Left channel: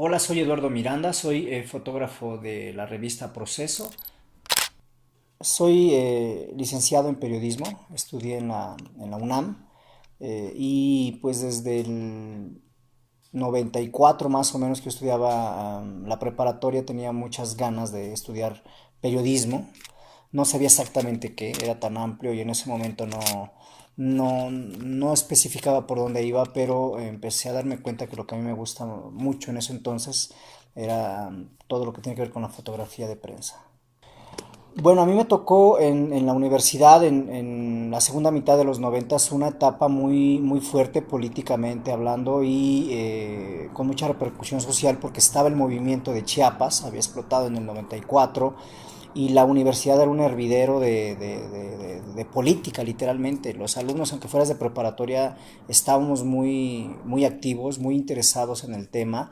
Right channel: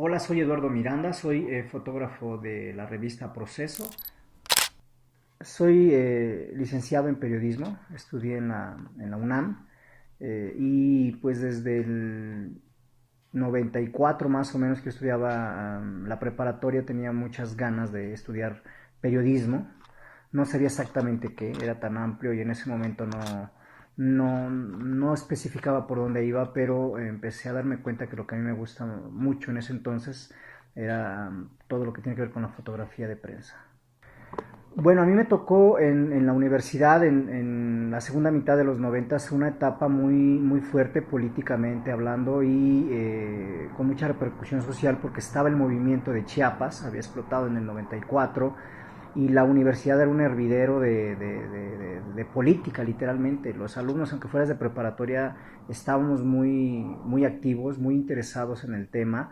Hola, soy Eduardo Miranda, soy fotógrafo de la revista Proceso. Soy licenciado en periodismo, estudié en la UNAM y pues desde el 94 más o menos que yo estudiaba la preparatoria tenía muchas ganas de estudiar periodismo. No sabía exactamente qué, era tan amplio y en ese momento no especificaba por dónde iba, pero empecé a darme cuenta que lo que a mí me gusta mucho en ese entonces era todo lo que tiene que ver con la fotografía de prensa. Bueno, a mí me tocó en la universidad, en la segunda mitad de los noventas, una etapa muy fuerte políticamente hablando y con mucha repercusión social porque estaba el movimiento de Chiapas, había explotado en el 94 y la universidad era un hervidero de política, literalmente. Los alumnos, aunque fueras de preparatoria, estábamos muy activos, muy interesados en el tema.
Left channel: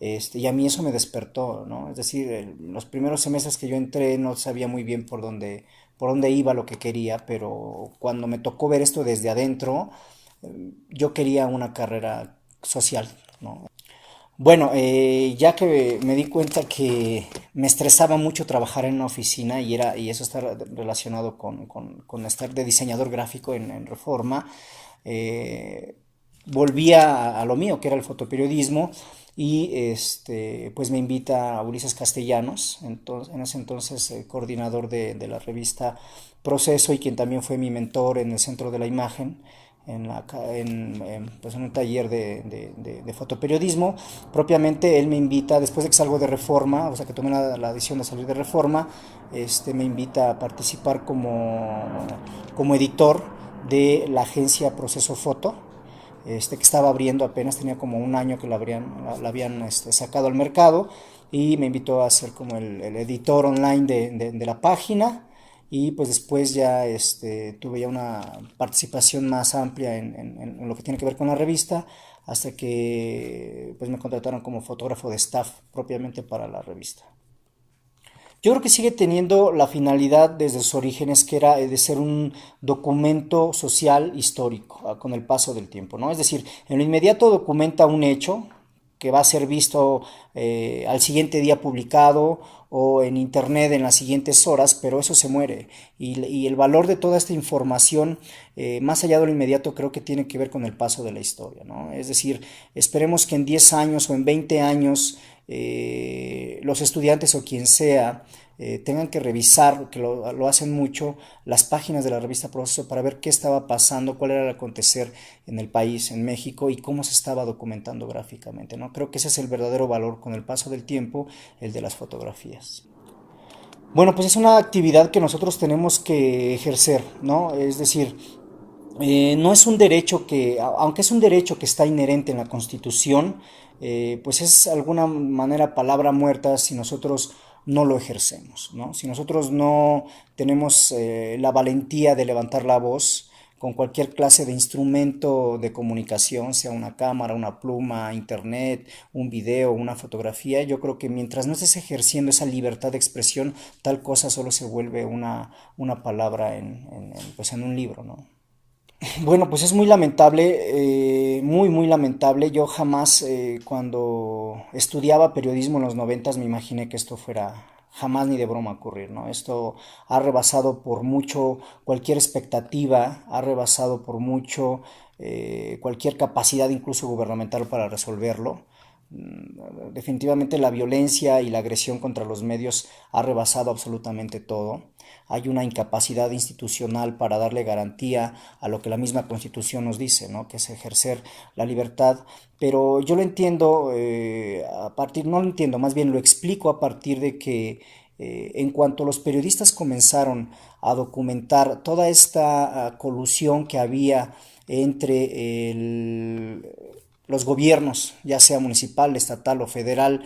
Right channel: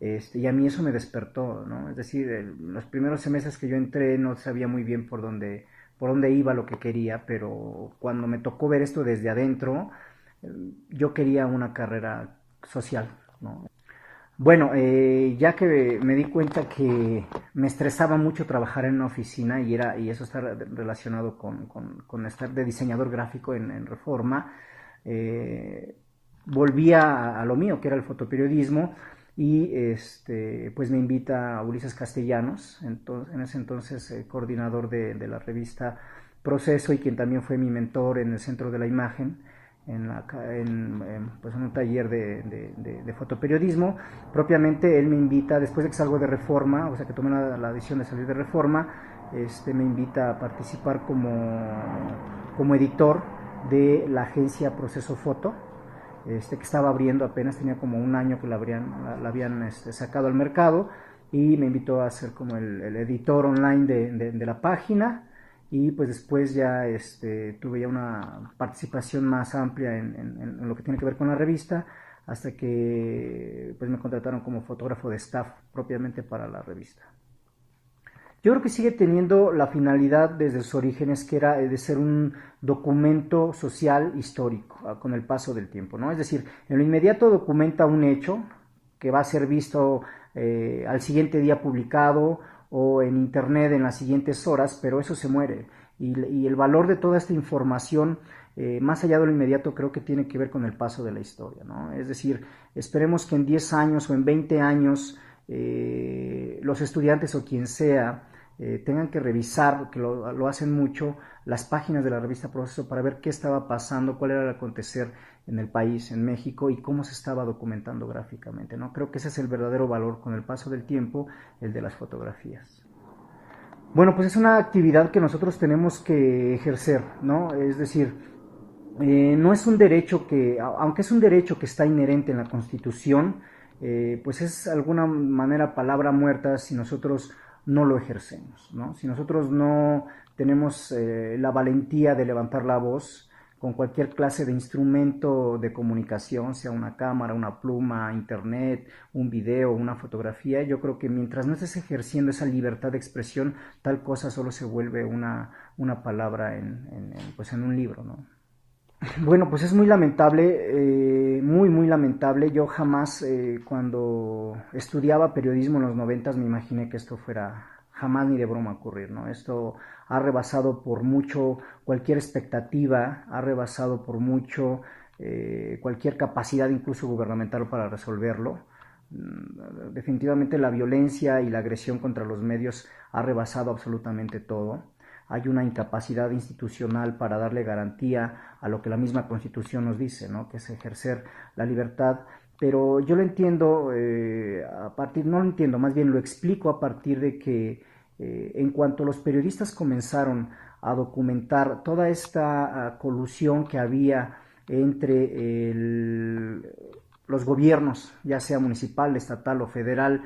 Y a mí eso me despertó, ¿no? Es decir, los primeros semestres que yo entré no sabía muy bien por dónde iba lo que quería, pero cuando me tocó ver esto desde adentro, yo quería una carrera social, ¿no? Bueno, ya que me di cuenta que me estresaba mucho trabajar en una oficina y eso está relacionado con estar de diseñador gráfico en Reforma, eh, volví a lo mío, que era el fotoperiodismo, y pues me invita a Ulises Castellanos, en ese entonces coordinador de la revista Proceso y quien también fue mi mentor en el Centro de la Imagen, pues en un taller de fotoperiodismo. Propiamente él me invita, después de que salgo de Reforma, o sea que tomé la decisión de salir de Reforma, me invita a participar como editor de la agencia Proceso Foto, que estaba abriendo apenas, tenía como un año que la habían sacado al mercado, y me invitó a ser como el editor online de la página. Y pues después ya tuve ya una participación más amplia en lo que tiene que ver con la revista, hasta que pues me contrataron como fotógrafo de staff propiamente para la revista. Yo creo que sigue teniendo la finalidad desde sus orígenes, que era de ser un documento social histórico con el paso del tiempo, ¿no? Es decir, en lo inmediato documenta un hecho que va a ser visto al siguiente día publicado o en internet en las siguientes horas, pero eso se muere. Y el valor de toda esta información, más allá de lo inmediato, creo que tiene que ver con el paso de la historia, ¿no? Es decir, esperemos que en 10 años o en 20 años los estudiantes o quien sea tengan que revisar, que lo hacen mucho, las páginas de la revista Proceso para ver qué estaba pasando, cuál era el acontecer en el país, en México, y cómo se estaba documentando gráficamente, ¿no? Creo que ese es el verdadero valor con el paso del tiempo, el de las fotografías. Bueno, pues es una actividad que nosotros tenemos que ejercer, ¿no? Es decir, no es un derecho aunque es un derecho que está inherente en la Constitución, pues es de alguna manera palabra muerta si nosotros no lo ejercemos, ¿no? Si nosotros no tenemos la valentía de levantar la voz con cualquier clase de instrumento de comunicación, sea una cámara, una pluma, internet, un video, una fotografía, yo creo que mientras no estés ejerciendo esa libertad de expresión, tal cosa solo se vuelve una palabra pues en un libro, ¿no? Bueno, pues es muy lamentable, muy lamentable. Yo jamás, cuando estudiaba periodismo en los noventas, me imaginé que esto fuera jamás ni de broma ocurrir, ¿no? Esto ha rebasado por mucho cualquier expectativa, ha rebasado por mucho cualquier capacidad incluso gubernamental para resolverlo. Definitivamente la violencia y la agresión contra los medios ha rebasado absolutamente todo. Hay una incapacidad institucional para darle garantía a lo que la misma Constitución nos dice, ¿no? Que es ejercer la libertad. Pero yo lo entiendo no lo entiendo, más bien lo explico a partir de que en cuanto los periodistas comenzaron a documentar toda esta colusión que había entre los gobiernos, ya sea municipal, estatal o federal,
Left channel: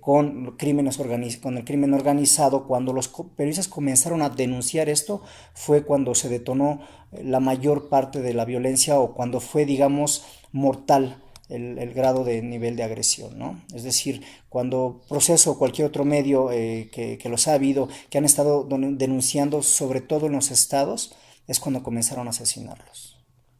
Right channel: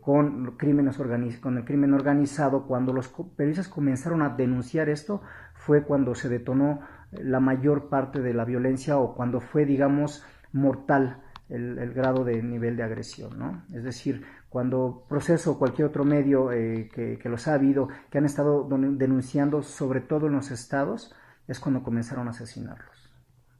con el crimen organizado, cuando los periodistas comenzaron a denunciar esto, fue cuando se detonó la mayor parte de la violencia, o cuando fue, digamos, mortal el grado de nivel de agresión, ¿no? Es decir, cuando Proceso o cualquier otro medio que los ha habido, que han estado denunciando, sobre todo en los estados, es cuando comenzaron a asesinarlos.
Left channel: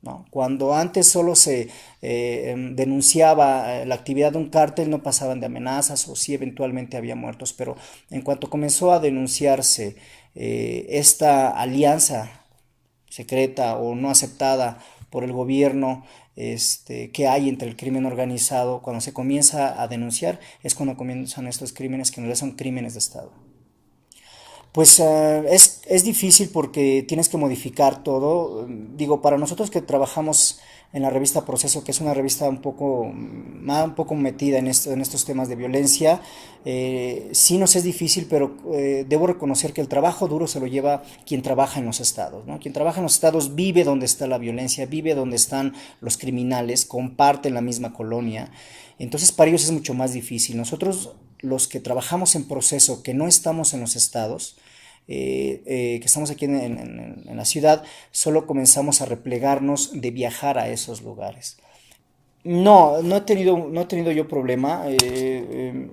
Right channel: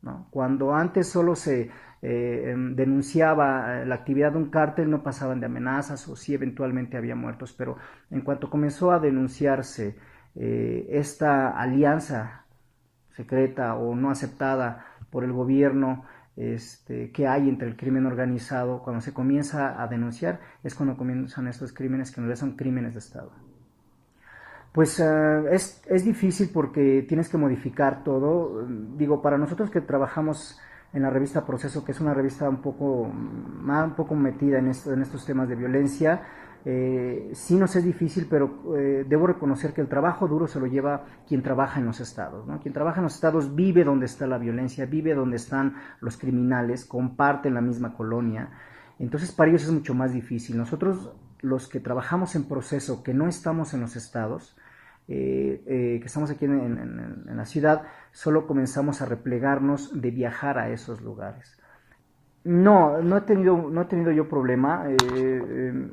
¿no? Cuando antes solo se denunciaba la actividad de un cártel, no pasaban de amenazas o sí eventualmente había muertos, pero en cuanto comenzó a denunciarse esta alianza secreta o no aceptada por el gobierno que hay entre el crimen organizado, cuando se comienza a denunciar, es cuando comienzan estos crímenes que en realidad son crímenes de Estado. Pues es difícil porque tienes que modificar todo. Digo, para nosotros que trabajamos en la revista Proceso, que es una revista un poco metida en estos temas de violencia, sí nos es difícil, pero debo reconocer que el trabajo duro se lo lleva quien trabaja en los estados, ¿no? Quien trabaja en los estados vive donde está la violencia, vive donde están los criminales, comparten la misma colonia. Entonces para ellos es mucho más difícil. Nosotros, los que trabajamos en Proceso, que no estamos en los estados, que estamos aquí en la ciudad, solo comenzamos a replegarnos de viajar a esos lugares. No, no he tenido yo problema.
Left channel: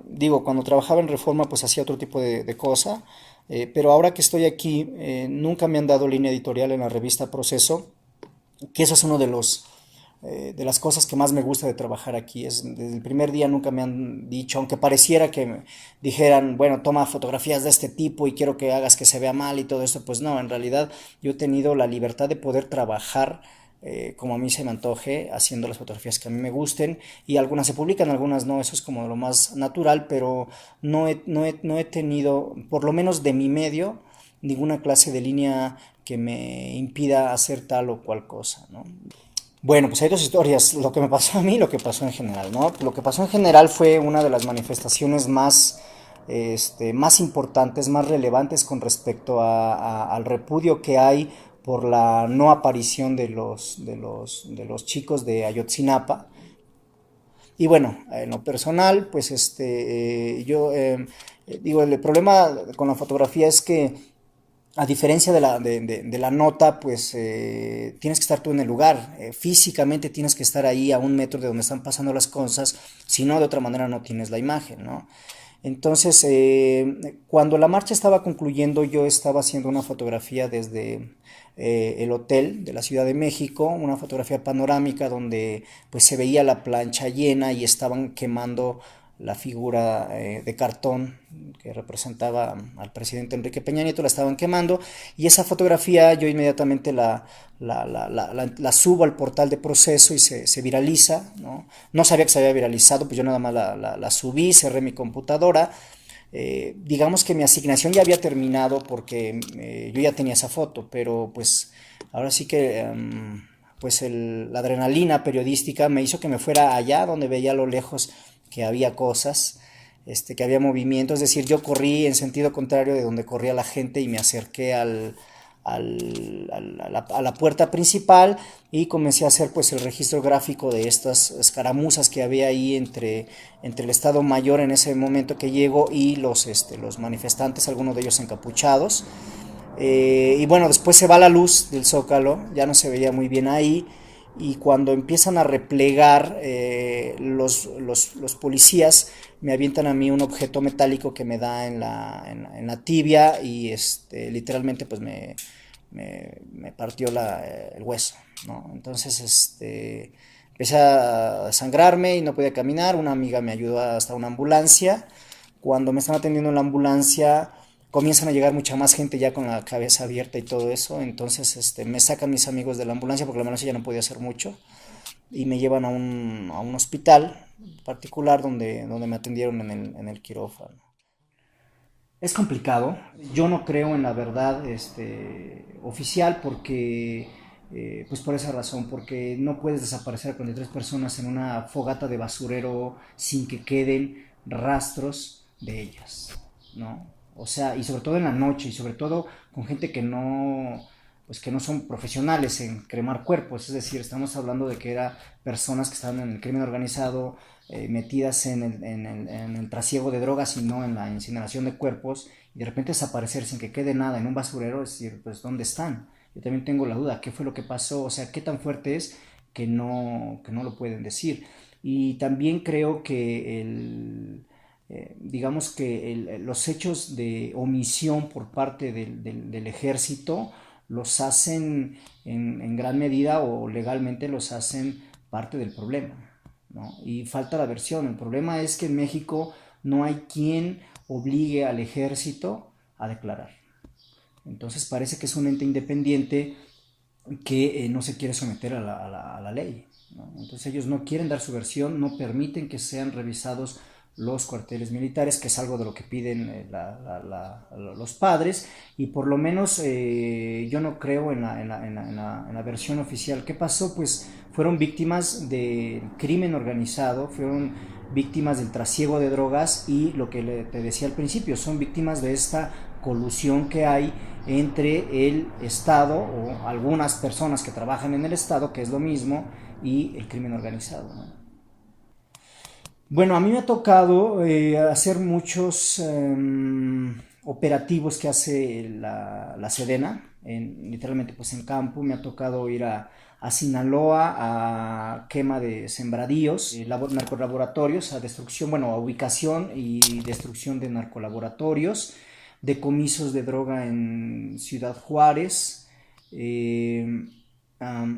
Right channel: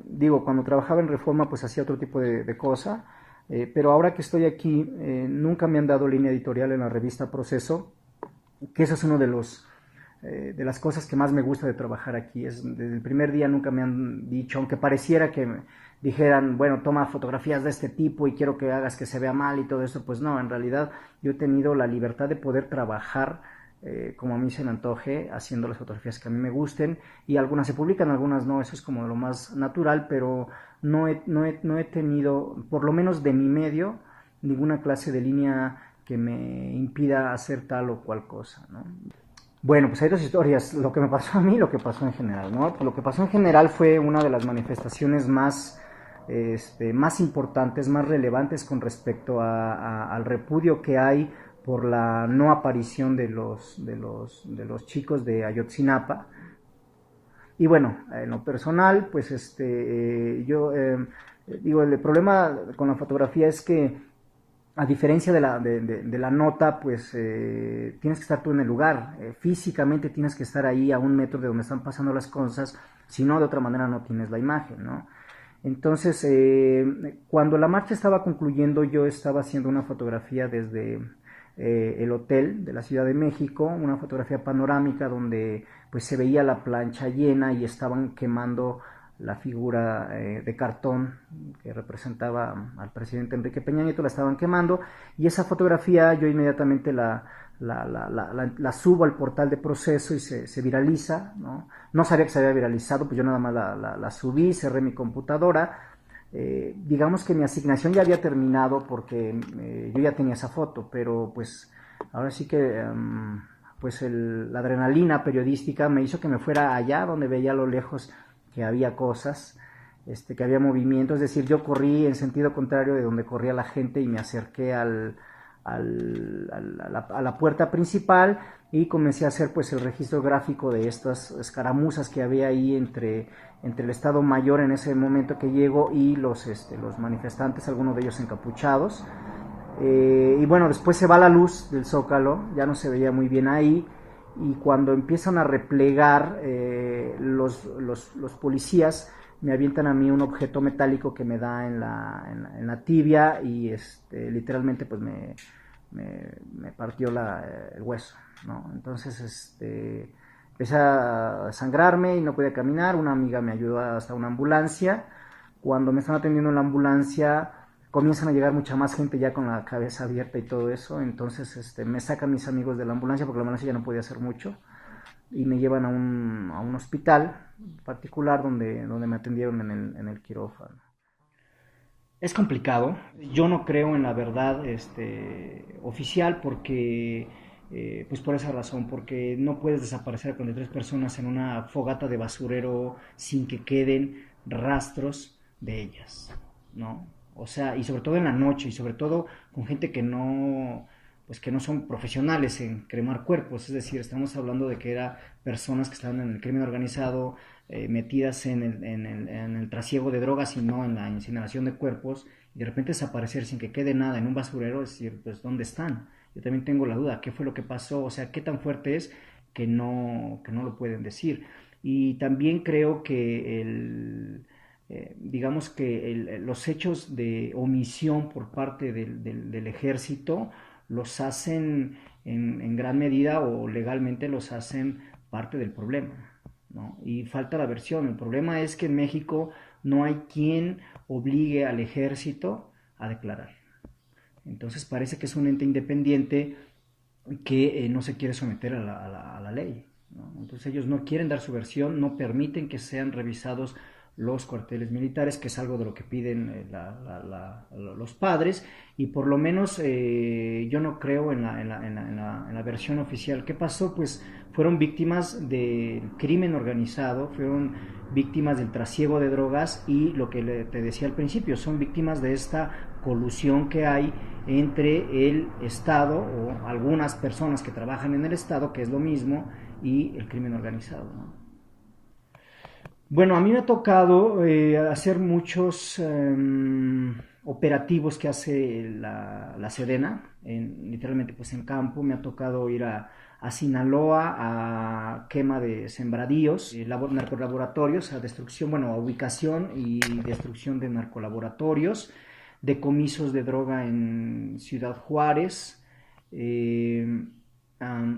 Digo, cuando trabajaba en Reforma, pues hacía otro tipo de cosa. Pero ahora que estoy aquí, nunca me han dado línea editorial en la revista Proceso, que eso es uno de las cosas que más me gusta de trabajar aquí. Es, desde el primer día nunca me han dicho, aunque pareciera que me dijeran, bueno, toma fotografías de este tipo y quiero que hagas que se vea mal y todo esto, pues no, en realidad yo he tenido la libertad de poder trabajar como a mí se me antoje, haciendo las fotografías que a mí me gusten, y algunas se publican, algunas no, eso es como lo más natural, pero no he tenido, por lo menos de mi medio, ninguna clase de línea que me impida hacer tal o cual cosa, ¿no? Bueno, pues hay dos historias, lo que me pasó a mí y lo que pasó en general, ¿no? Lo que pasó en general fue una de las manifestaciones más importantes, más relevantes con respecto al repudio que hay por la no aparición de los chicos de Ayotzinapa. Y bueno, en lo personal, pues digo, el problema con la fotografía es que a diferencia de la nota, pues tienes que estar tú en el lugar, físicamente tienes que estar ahí a un metro de donde están pasando las cosas, si no, de otra manera no tienes la imagen, ¿no? Entonces, cuando la marcha estaba concluyendo, yo estaba haciendo una fotografía desde el hotel de la Ciudad de México, una fotografía panorámica donde pues se veía la plancha llena y estaban quemando la figura de cartón que representaba al presidente Enrique Peña Nieto, la estaban quemando, y esa fotografía yo inmediatamente la subo al portal de Proceso y se viraliza, ¿no? No sabía que se había viralizado, pues yo nada más la subí, cerré mi computadora. Digamos que mi asignación ya había terminado porque yo ya tenía esa foto, pero pues ahora sí que pues la adrenalina periodística me hizo que me fuera allá donde veía a lo lejos que había cosas, que había movimiento, es decir, yo corrí en sentido contrario de donde corría la gente y me acerqué a la puerta principal y comencé a hacer pues el registro gráfico de estas escaramuzas que había ahí entre el Estado Mayor en ese momento que llego y los manifestantes, algunos de ellos encapuchados. Y bueno, después se va la luz del Zócalo, ya no se veía muy bien ahí, y cuando empiezan a replegar los policías me avientan a mí un objeto metálico que me da en la tibia y literalmente pues me partió el hueso, ¿no? Entonces empecé a desangrarme y no podía caminar. Una amiga me ayudó hasta una ambulancia. Cuando me están atendiendo en la ambulancia comienzan a llegar mucha más gente ya con la cabeza abierta y todo eso, entonces me sacan mis amigos de la ambulancia porque la ambulancia ya no podía hacer mucho y me llevan a un hospital particular donde me atendieron en el quirófano. Es complicado, yo no creo en la verdad oficial porque, pues por esa razón, porque no puedes desaparecer a 43 personas en una fogata de basurero sin que queden rastros de ellas, ¿no? O sea, y sobre todo en la noche, y sobre todo con gente pues que no son profesionales en cremar cuerpos, es decir, estamos hablando de que eran personas que estaban en el crimen organizado, metidas en el trasiego de drogas y no en la incineración de cuerpos, y de repente desaparecer sin que quede nada en un basurero, es decir, pues ¿dónde están? Yo también tengo la duda, ¿qué fue lo que pasó? O sea, ¿qué tan fuerte es que no lo pueden decir? Y también creo que digamos que los hechos de omisión por parte del ejército los hacen en gran medida o legalmente los hacen parte del problema, ¿no? Y falta la versión. El problema es que en México no hay quien obligue al ejército a declarar. Entonces parece que es un ente independiente que no se quiere someter a la ley, ¿no? Entonces ellos no quieren dar su versión, no permiten que sean revisados los cuarteles militares, que es algo de lo que piden los padres, y por lo menos yo no creo en la versión oficial. ¿Qué pasó? Pues fueron víctimas del crimen organizado, fueron víctimas del trasiego de drogas y lo que te decía al principio, son víctimas de esta colusión que hay entre el Estado o algunas personas que trabajan en el Estado, que es lo mismo, y el crimen organizado, ¿no? Bueno, a mí me ha tocado hacer muchos operativos que hace la Sedena, literalmente pues en campo. Me ha tocado ir a Sinaloa a quema de sembradíos, narcolaboratorios, a destrucción, bueno, a ubicación y destrucción de narcolaboratorios, decomisos de droga en Ciudad Juárez,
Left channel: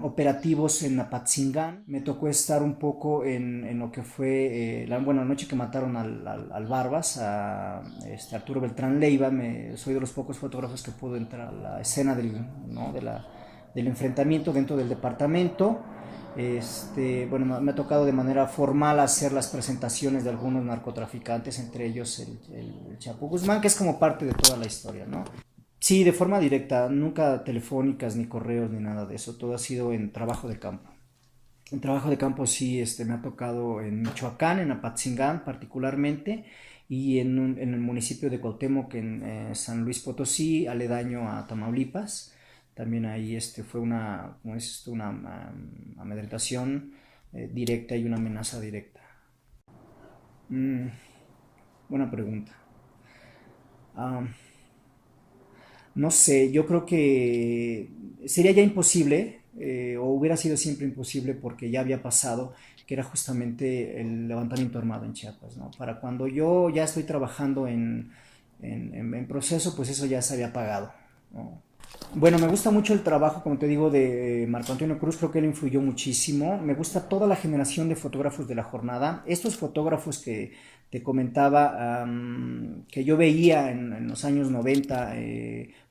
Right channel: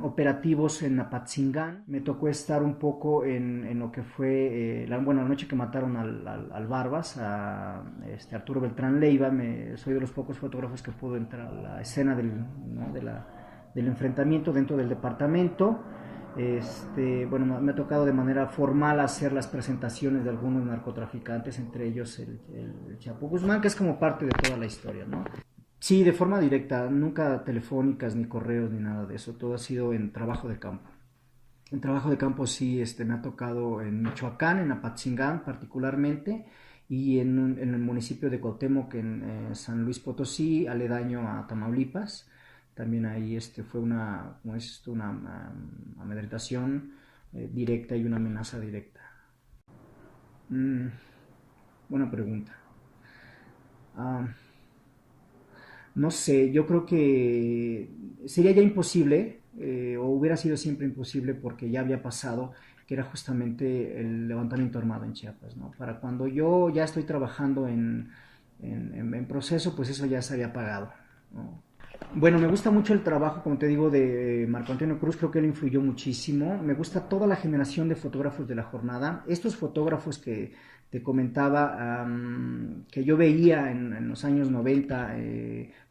operativos en Apatzingán. Me tocó estar un poco en lo que fue la noche que mataron al Barbas, a Arturo Beltrán Leiva. Soy de los pocos fotógrafos que pudo entrar a la escena ¿no? del enfrentamiento dentro del departamento. Me ha tocado de manera formal hacer las presentaciones de algunos narcotraficantes, entre ellos el Chapo Guzmán, que es como parte de toda la historia, ¿no? Sí, de forma directa, nunca telefónicas ni correos ni nada de eso, todo ha sido en trabajo de campo. En trabajo de campo sí, me ha tocado en Michoacán, en Apatzingán particularmente, y en el municipio de Cuauhtémoc, en San Luis Potosí, aledaño a Tamaulipas. También ahí fue una, como dices tú, una amedrentación directa y una amenaza directa. Mm, buena pregunta. Ah, no sé, yo creo que sería ya imposible, o hubiera sido siempre imposible porque ya había pasado, que era justamente el levantamiento armado en Chiapas, ¿no? Para cuando yo ya estoy trabajando en proceso, pues eso ya se había pagado, ¿no? Bueno, me gusta mucho el trabajo, como te digo, de Marco Antonio Cruz. Creo que él influyó muchísimo. Me gusta toda la generación de fotógrafos de la jornada. Estos fotógrafos que te comentaba, que yo veía en los años 90,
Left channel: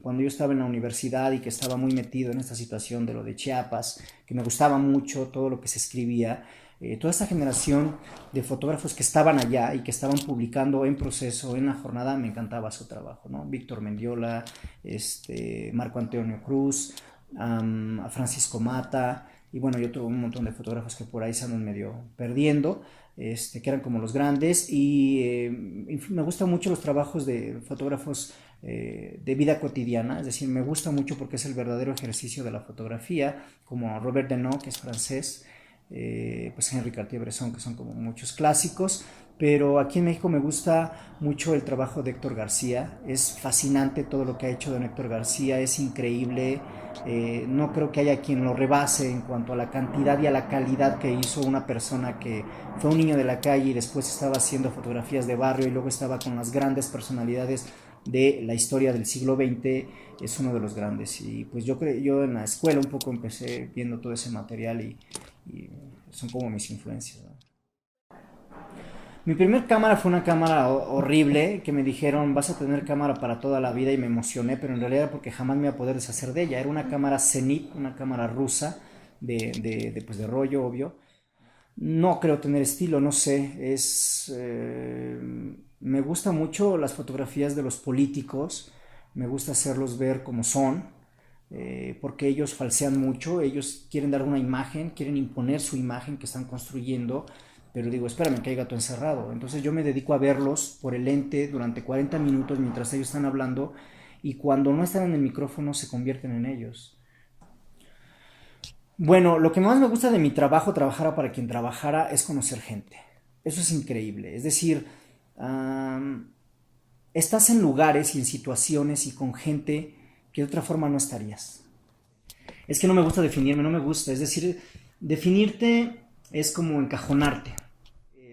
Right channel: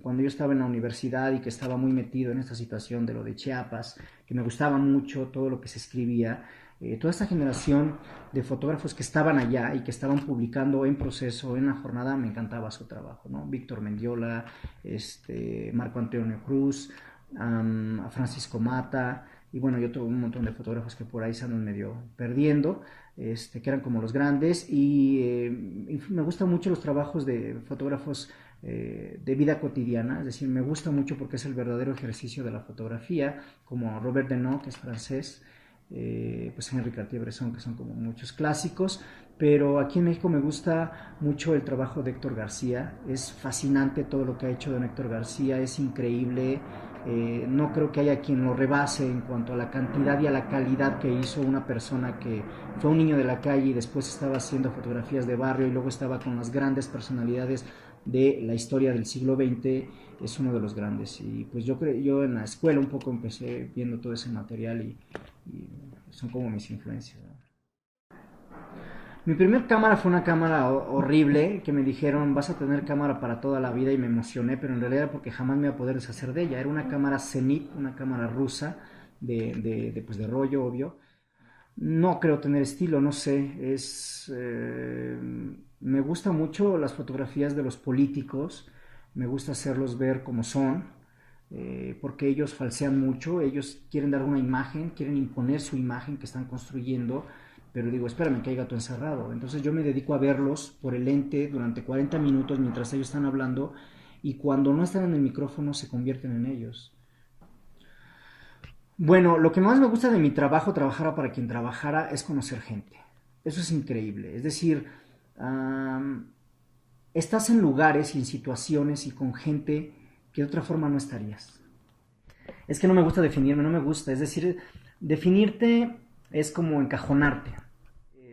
cuando yo estaba en la universidad y que estaba muy metido en esta situación de lo de Chiapas, que me gustaba mucho todo lo que se escribía. Toda esta generación de fotógrafos que estaban allá y que estaban publicando en proceso, en la jornada, me encantaba su trabajo, ¿no? Víctor Mendiola, Marco Antonio Cruz, a Francisco Mata, y bueno, yo tuve un montón de fotógrafos que por ahí se andan medio perdiendo, que eran como los grandes, y me gustan mucho los trabajos de fotógrafos de vida cotidiana, es decir, me gusta mucho porque es el verdadero ejercicio de la fotografía, como Robert Denot, que es francés, pues Henri Cartier-Bresson, que son como muchos clásicos. Pero aquí en México me gusta mucho el trabajo de Héctor García. Es fascinante todo lo que ha hecho don Héctor García, es increíble. No creo que haya quien lo rebase en cuanto a la cantidad y a la calidad que hizo una persona que fue un niño de la calle y después estaba haciendo fotografías de barrio y luego estaba con las grandes personalidades de la historia del siglo XX. Es uno de los grandes. Y pues yo en la escuela un poco empecé viendo todo ese material y son como mis influencias, ¿no? Mi primer cámara fue una cámara horrible que me dijeron vas a tener cámara para toda la vida, y me emocioné, pero en realidad era porque jamás me iba a poder deshacer de ella. Era una cámara Zenit, una cámara rusa pues de rollo, obvio. No creo tener estilo, no sé. Me gusta mucho las fotografías de los políticos, me gusta hacerlos ver como son, porque ellos falsean mucho, ellos quieren dar una imagen, quieren imponer su imagen que están construyendo, pero digo, espérame que hay gato encerrado. Entonces yo me dedico a verlos por el lente durante 40 minutos mientras ellos están hablando, y cuando no están en el micrófono se convierten en ellos. Bueno, lo que más me gusta de mi trabajo, trabajara para quien trabajara, es conocer gente. Eso es increíble. Es decir, estás en lugares y en situaciones y con gente que de otra forma no estarías. Es que no me gusta definirme, no me gusta. Es decir, definirte es como encajonarte.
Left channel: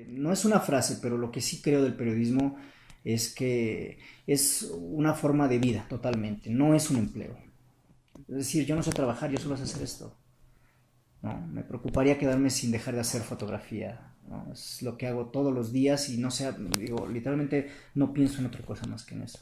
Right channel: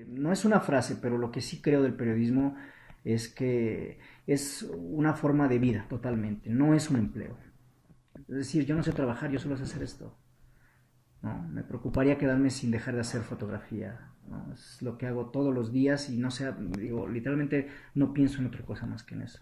No es una frase, pero lo que sí creo del periodismo es que es una forma de vida totalmente, no es un empleo. Es decir, yo no sé trabajar, yo solo sé hacer esto, ¿no? Me preocuparía quedarme sin dejar de hacer fotografía, ¿no? Es lo que hago todos los días y no sé, digo, literalmente no pienso en otra cosa más que en eso.